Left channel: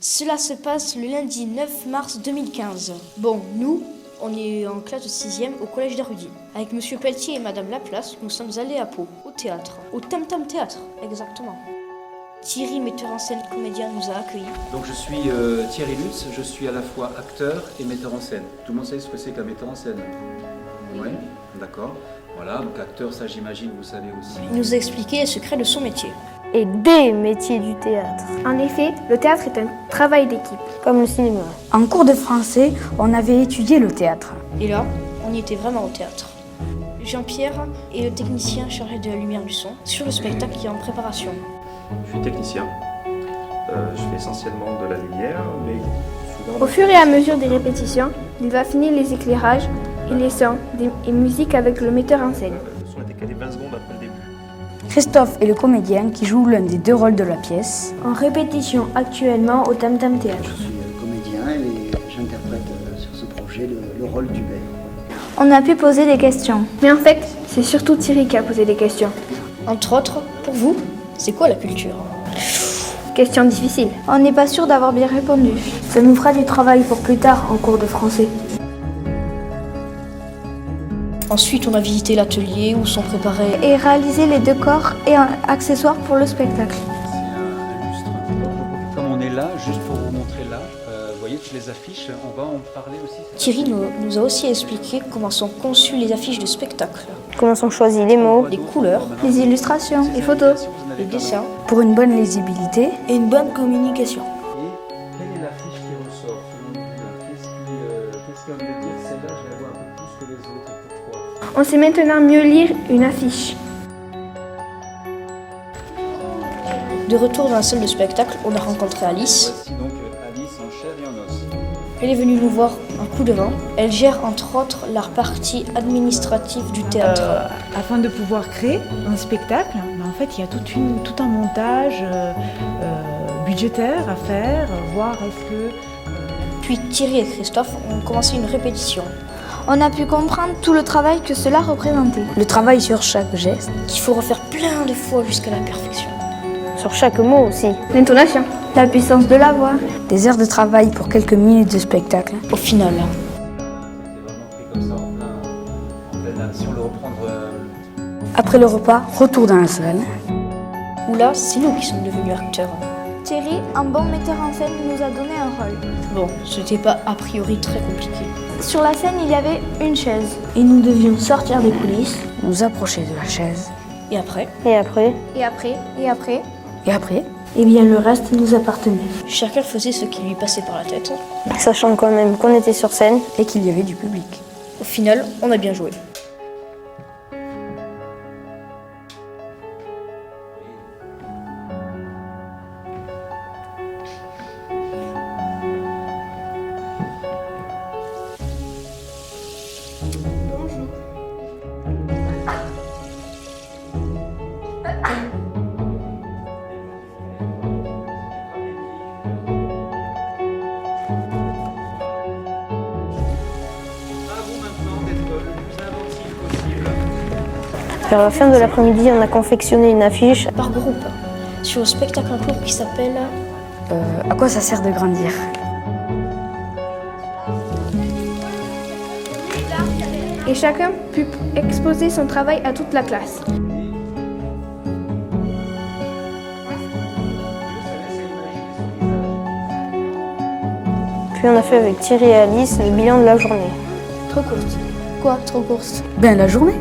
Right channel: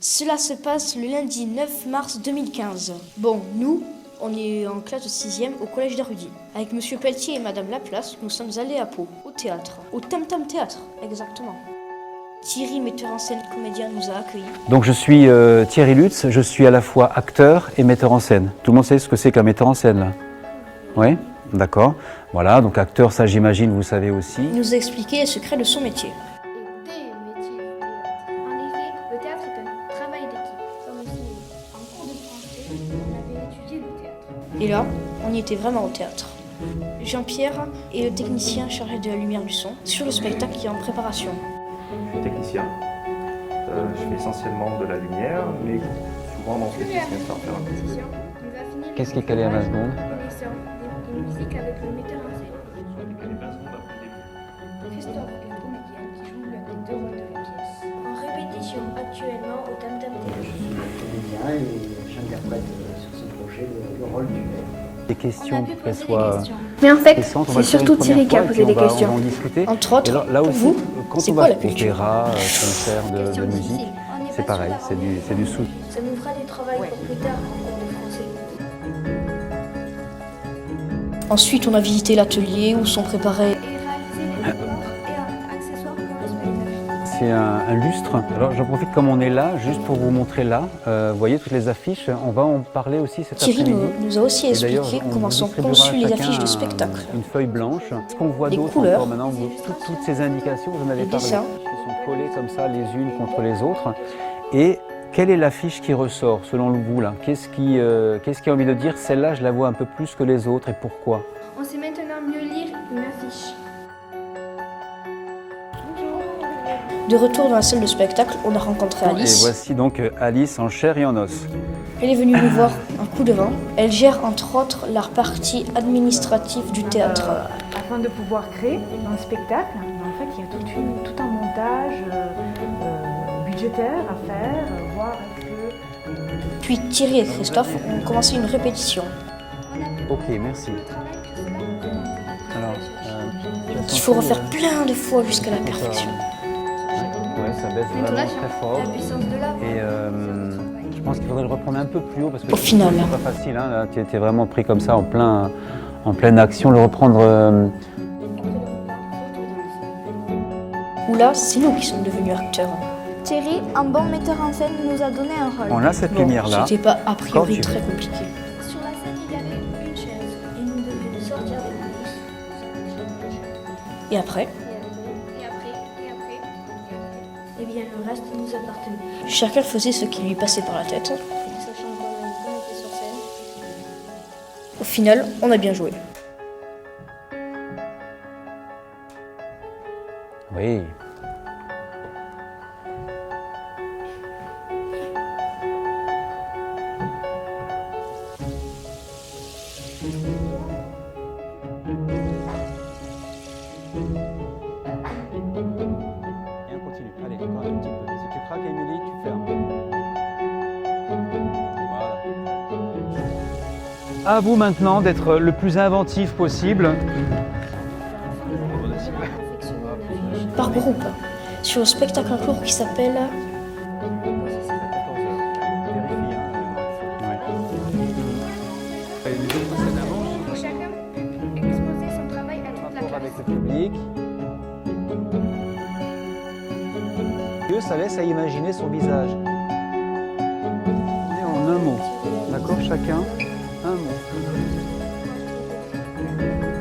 Cela se passe le lundi 9 mars 2015. Bon, nous, on est en classe de 6e au collège d'Arudi. Avec Monsieur Pelletier et Madame Laplace, nous sommes allés à Pau, au théâtre. Au Tam Tam Théâtre, exactement. Thierry, metteur en scène, comédien, nous a accueillis. Donc je suis Thierry Lutz, je suis à la fois acteur et metteur en scène. Tout le monde sait ce que c'est qu'un metteur en scène là? Oui? D'accord. Voilà, donc acteur, ça j'imagine vous savez aussi. Il nous a expliqué les secrets de son métier. Et des métiers du théâtre. En effet, le théâtre est un travail d'équipe. Comme le cinéma. En cours de français, on avait étudié le théâtre. Et là, on y était vraiment au théâtre. Jean-Pierre est le technicien chargé de la lumière du son sur le spectacle qui est en préparation. Je suis technicien. Je fais essentiellement de la lumière, mais souvent... Au fur et à mesure des répétitions, il va affiner les éclairages et les sons et musique avec le metteur en scène. On a décalé 20 secondes après le début. Christophe est le comédien qui joue l'un des deux rôles de la pièce. En répétition actuellement au Tam Tam Théâtre. Je suis comédien et j'interprète sur ce projet le rôle du maire. On a pu poser des questions. Mais en fait, c'est surtout Thierry qui a posé des questions. Entre autres, pour vous, c'est quoi la culture? Questions difficiles. On n'est pas sûr d'avoir bien répondu. Ça nous fera du travail pour plus tard en cours de français. Ensuite, on a visité l'atelier où sont préparés... Et réaliser les décors et accessoires pour le spectacle. C'est un lustre. Alors j'en profite comme on est là, juste pour vous montrer là. Vous voyez toutes les affiches, on va en parler aussi cet Thierry après-midi. nous a aussi expliqué comment sont conçues les affiches de spectacle, Comment sont choisis les mots, les couleurs, Les illustrations, les photos, les dessins Pour une bonne lisibilité, et une bonne communication. Et quelle est l'affiche qui ressort selon vous là? Qu'est-ce qui a envie de dire celle-là je la vois un peu plus que les autres et pourquoi? On sait maintenant mieux lire une affiche. De retour dans la salle de spectacle, on a rencontré Et Alice. voici donc Alice en chair et en os. Elle est venue nous voir un coup de vent. Elle gère entre autres la partie administrative du théâtre. Afin de pouvoir créer un spectacle, en fait, il y a tout un montage budgétaire à faire, voir est-ce que... Puis Thierry et Christophe ont commencé une répétition On a pu comprendre tout le travail que cela représentait. le travail sur chaque geste. qu'il faut refaire plein de fois jusqu'à la perfection. sur chaque mot aussi. L'intonation, la puissance de la voix. Des heures de travail pour quelques minutes de spectacle. Au final, Pas facile, hein, là, tu étais vraiment pris comme ça en pleine action, le reprendre. Après le repas, retour dans la salle. où là, c'est nous qui sommes devenus acteurs. Thierry, un bon metteur en scène, nous a donné un rôle. On a cette Bon, lumière-là. c'était pas a priori très compliqué. Sur la scène, il y avait une chaise. Et nous devions sortir des coulisses, nous approcher de la chaise. Et après, Et après, Et après, et après, Et après, eh bien le reste nous appartenait. chacun faisait ce qui lui passait par la tête. sachant quand même qu'on était sur scène. et qu'il y avait du public. Au final, on a bien joué. Oui. À vous maintenant d'être le plus inventif possible. Vers la fin de l'après-midi, on a confectionné une affiche. Par groupe, sur le spectacle en cours qui s'appelle... À quoi ça sert de grandir? Et chacun put exposer son travail à toute la classe. Et ça laisse à imaginer son visage. Puis on a fait avec Thierry et Alice le bilan de la journée. Trop courte. Quoi, trop courte? Ben la journée.